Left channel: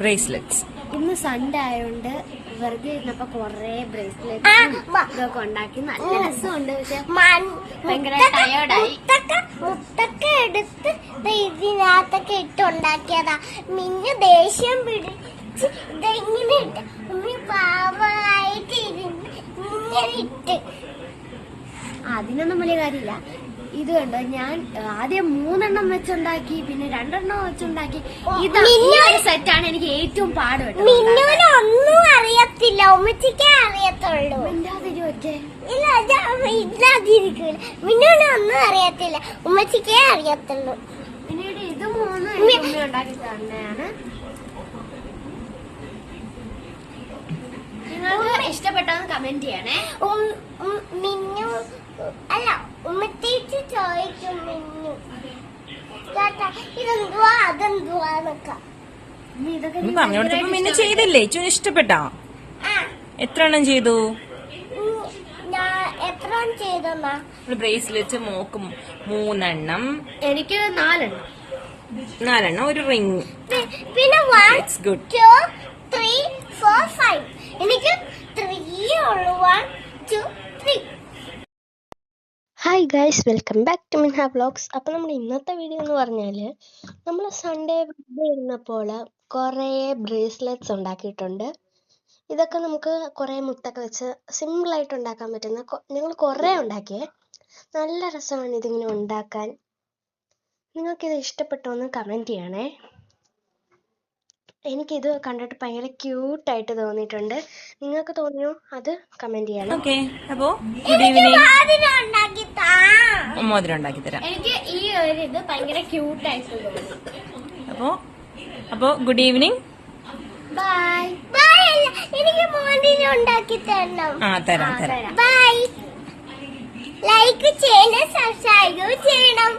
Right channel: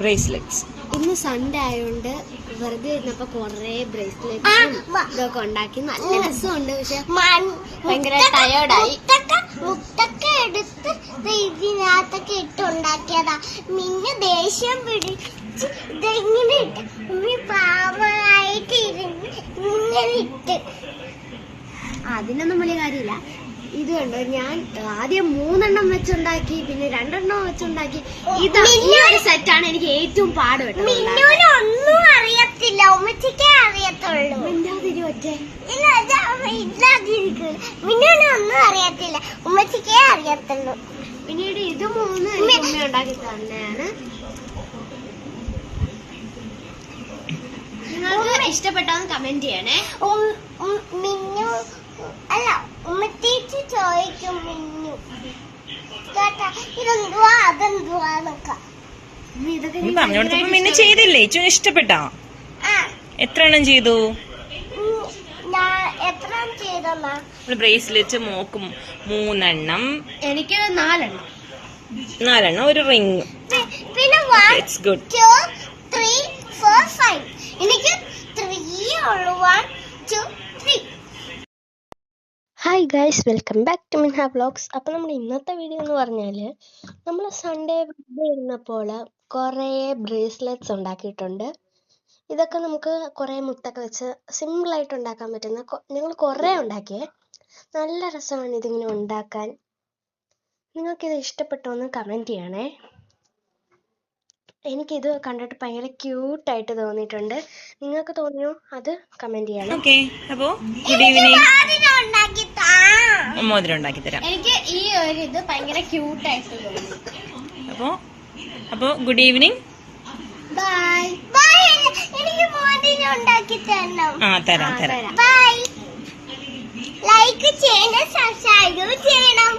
Bracelets. ഇന്ന് Sunday ആയതുകൊണ്ട് വെറുതെ ഇരുന്നപ്പോ കൊറേ ബ്രേസ്ലെറ്റ്സും ഇതൊക്കെ ഉണ്ടാക്കി നല്ല രസമുണ്ട്. പക്ഷെ ഭയങ്കര ടയേർഡായി. മുത്തൊക്കെ എടുത്ത് ഇതിനകത്തൊക്കെ ഇട്ടുണ്ടാക്കിയതാ. പിന്നെ ദേഷ്യം പിടിച്ച് ഇതെങ്ങനെ ഇട്ട് പാവമായിട്ട് ഇരുന്ന് ഇങ്ങനെ ഇട്ട്. അതിനൊന്നും വലിയ കാര്യമില്ല. ഇത് കണ്ടോ, ഞാൻ ആദ്യം 3 വെച്ചുണ്ടാക്കി, പിന്നെ 2 വെച്ചുണ്ടാക്കി. ഇത് ഈ ഒരു സെറ്റാണ് എനിക്ക് ഏറ്റവും പാട്. മിന്നുവിനൊന്നും അറിയത്തില്ല, ഉമ്മച്ചിക്കേ അറിയത്തുള്ളൂ. മിന്നാതിരുവറ്റേ ഇല്ലാതിരിക്കില്ല. മിന്നുവിനൊന്നും അറിയത്തില്ല, ഉമ്മച്ചിക്കേ അറിയത്തുള്ളൂ. പിന്നീട് ഇത് 3 എനിക്ക് ഉമ്മ ഉണ്ടാക്കി തന്നെയാണ്. നിങ്ങൾക്ക് ഇഷ്ടപ്പെട്ടാന്ന് കമന്റ് ചെയ്യണേ. മിന്നു അല്ല, ഉമ്മത്തേക്ക് ചോദിക്കും മിന്നു ഇതെന്തുവാ അതെന്തുവാന്നൊക്കെ. പറഞ്ഞോടത്തപ്പോ മിന്നു ചെയ്തില്ലേ? ഏറ്റവും ഇഷ്ടപ്പെട്ടാ? എത്ര എണ്ണം ചെയ്തു? എത്ര ചെയ്തെന്നാ? ബ്രേസ്ലെറ്റ് മോക്കും 3 എനിക്ക് 4 ഒരു റിങ്. പിന്നെ 1 2 3 4 5 എനിക്ക് 3 ഉള്ളു. 1 2 3. Hi guys, welcome back to Minha vlogs. അപ്പോൾ നമ്മുടെ ഇന്നത്തെ വീഡിയോ എന്ന് പറഞ്ഞാൽ, നമ്മൾ സൺഡേ വീഡിയോ ഇരുന്നപ്പോൾ കുറേ ബ്രേസ്ലെറ്റ്സ് ഉണ്ടാക്കിയിട്ടുണ്ട്. ഇതൊക്കെ നമുക്ക് കുറേ മുത്തൊക്കെ വെച്ച് സിമ്പിളായിട്ട് ഉണ്ടാക്കാൻ പറ്റുന്ന ഞങ്ങൾ കുറേ ഉണ്ടാക്കിയേ. നല്ല രസമാണ് ഇതിങ്ങനെ ഉണ്ടാക്കാൻ. നിങ്ങൾക്കിത് ഇഷ്ടപ്പെട്ടോ എന്ന് കമൻറ്റ് ചെയ്യണേ. എനിക്കിത് കണ്ടിട്ട് ഭയങ്കര ക്യൂട്ടായിട്ട് തോന്നിയിട്ടുണ്ട്. നിങ്ങൾക്ക് തോന്നിയോ? അത് കമന്റ് ചെയ്യണം. ഓക്കെ, അപ്പോ ഗുഡ് ഈവനിങ്. മോതിരം ഉണ്ടാക്കി തരാം. എനിക്ക് ഈ ഒരു ഇത് ഭയങ്കര ക്യൂട്ടായിട്ട് തോന്നി. അപ്പോ ഗുഡ് ഈവനിങ്. Bye bye. എനിക്ക് മോതിരം ഉണ്ടാക്കി തരണം. തരാം. ബൈ. ലൈക്ക് ചെയ്യണം, സബ്സ്ക്രൈബ് ചെയ്യണം.